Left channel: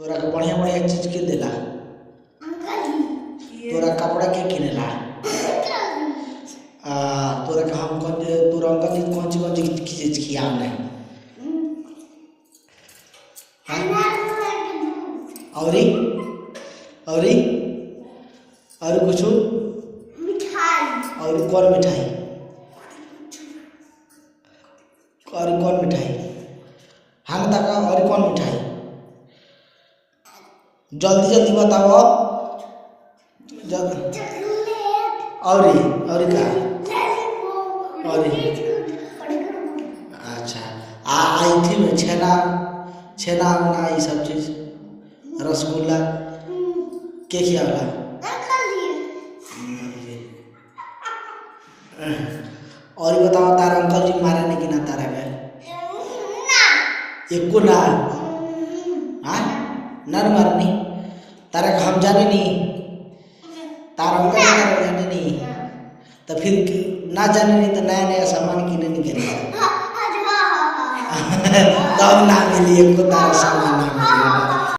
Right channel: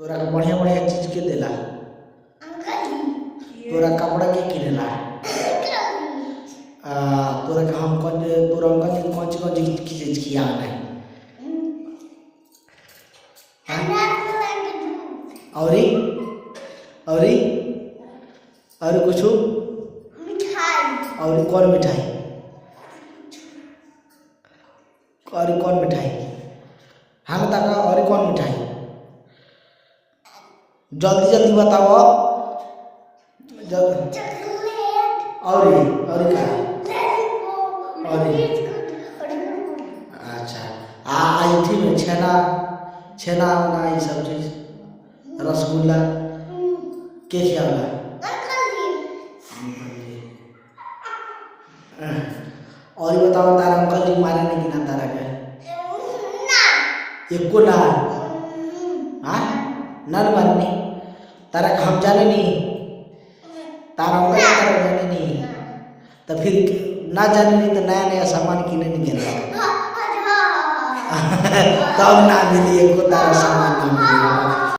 तोरा के बढ़िया बढ़िया चीज के देला। तोरा कपड़ा के किनेला। तोरा के हम तोरा अंकल जी कौन चीज की चीज खिया है। औरी औरी और कुछ और कौन मिठाई और कौन मिठाई हाँ बताओ और कौन मिठाई जल्दी जल्दी बताओ और का और अच्छा आई थी में छेना छेना वना ये सब चीज रसगुल्ला के खियाला और ये बताओ तारा अंकल जी मारे नहीं कि ना तारा के एको ना हाँ ना मारनी तारा का हम जाने नहीं तारा अंकल तारा जाने नहीं तो फिर ना जाने नहीं तो नया नया सामान किने नहीं गिने तब ना मिली एको तारा सामान ना मिली